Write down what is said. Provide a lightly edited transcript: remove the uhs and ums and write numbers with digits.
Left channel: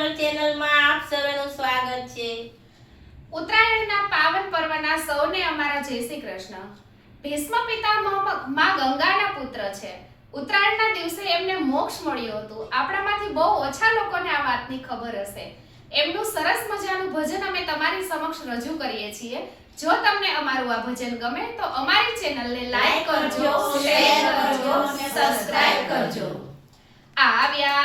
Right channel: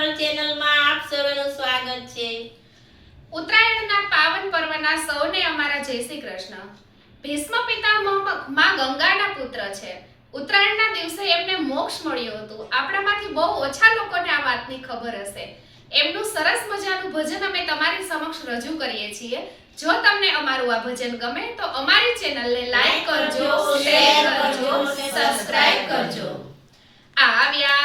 બ્રાહ્મણ ચેનલમાં આપ સર્વેનું સ્વાગત છે। ઉત્તરાયણના પાવન પર્વના સૌને અમારા જય શ્રી કૃષ્ણ। ભીષ્મ પિતામહ માં ગંગાના પુત્ર છે। ઉત્તરાયણના દિવસે એમને મોક્ષ મળ્યું હતું। આપણામાંથી બહુ ઓછા લોકોને આ વાતની ખબર હશે। એમનું સરસ મજાનું ભજન અમે તમારી સમક્ષ રજૂ કરીએ છીએ। જો તમને અમારું આ ભજન ગમે તો અમારી ચેનલને લાઈક કરજો, શેર કરજો, સબસ્ક્રાઇબ કરજો। આવ્યા